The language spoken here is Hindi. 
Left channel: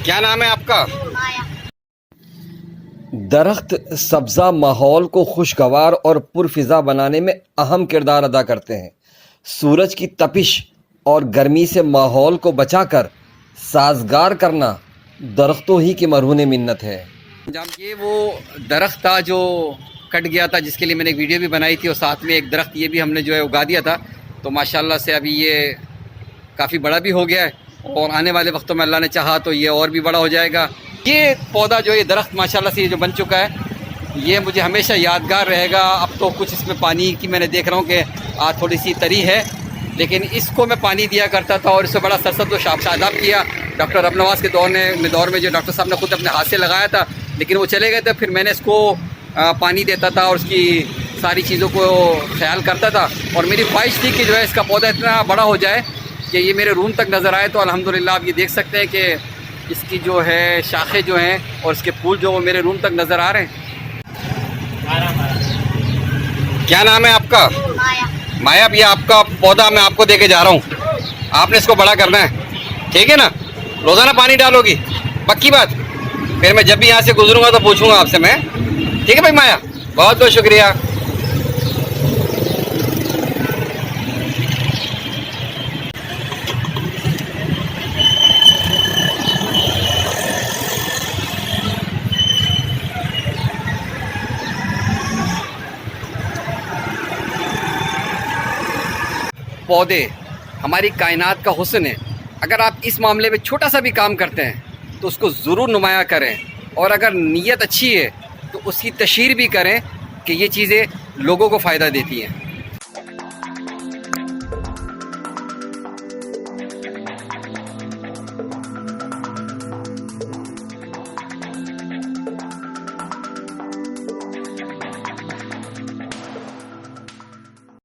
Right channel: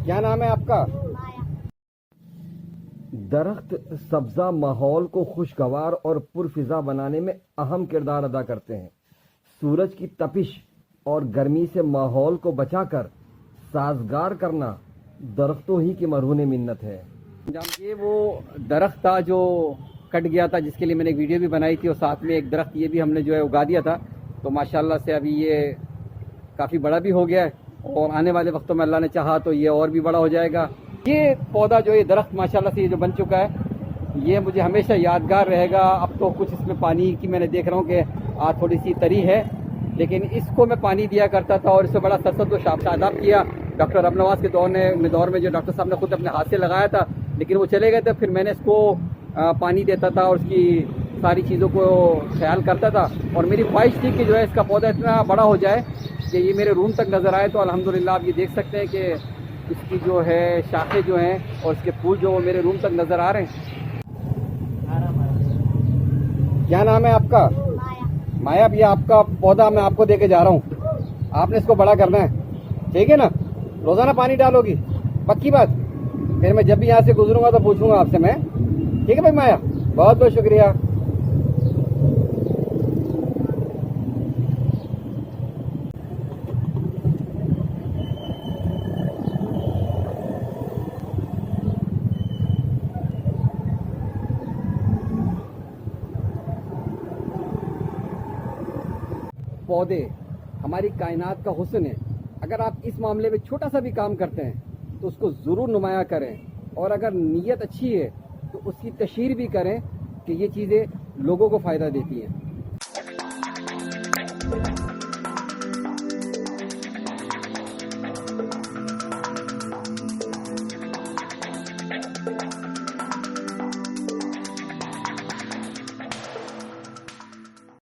क्या नाम है आपका? माया। दरख्त सब्ज़ा माहौल को खुशगवार और पुरफिज़ा बनाने में अहम किरदार अदा करते हैं। सूरज की तपिश और गर्मी से माहौल को बचाकर साजगार करना दरख्तों ही की मरहून मिन्नत है। ये वो दरख्त था जो कट गया था, जिसके लिए मैंने एक वीडियो भी बनाई थी, और साथ में एक दरख्त ये भी हमने जो है उगा दिया था। तो माशाल्लाह से अभी ये काफ़ी बड़ा भी हो गया है, और आने वाले वक्तों में अल्लाह ने चाहा तो ये और भी बड़ा हो जाएगा। ये पौधा जो ये दरख्त माशाल्लाह से ये जो बन चुका है, ये मुझे हमेशा यादगार रहेगा। अब तो कुछ इसमें पानी की मैंने देख रहा हूँ कि आज थोड़ी सी तरी है, लेकिन इसको मैं पानी दिया करता था और इससे बड़ा सरसब्ज़ और शादाब किया। डॉक्टर अबनवास के दौर में जो डॉक्टर साहब ने खुद अपने हाथ से लगाया था, लेकिन वो चले गए थे। फिर मैंने इसको पानी देता था और उसकी सारी चीज़ों को ख्याल करता था, और मेरी ख्वाहिश थी कि जो है इसका पौधा इतना बड़ा हो जाए कि ये मेरे रूम तक नज़र आए। तो अल्हम्दुलिल्लाह आप ये देख सकते हैं कि इसकी जो है शाखें जो हैं और इसके फूल जो वो मेरे रूम तक नज़र आ रहे हैं। क्या नाम है आपका? माया। माया, ये आपका पौधा मैं आपको दे के जा रहा हूँ। आपने इसको बड़ा करना है, ठीक है ना? रोज़ाना पानी डालोगी, पक्की बात? फिर मैं जब भी यहाँ से गुजरूंगा तो पूछूंगा आपसे मैं, ठीक है भाई माया? बहुत बहुत शुक्रिया। पौधे हमारी कायनात का हुस्न है। अगर आप इस मामले में छोटा सा भी काम करते हैं तो उसको ज़रूर नुमाया करें, और अगर नीयत अच्छी है तो उसकी तशहीर भी करें कि ये चीज़ें लोगों को फ़ायदा देती हैं।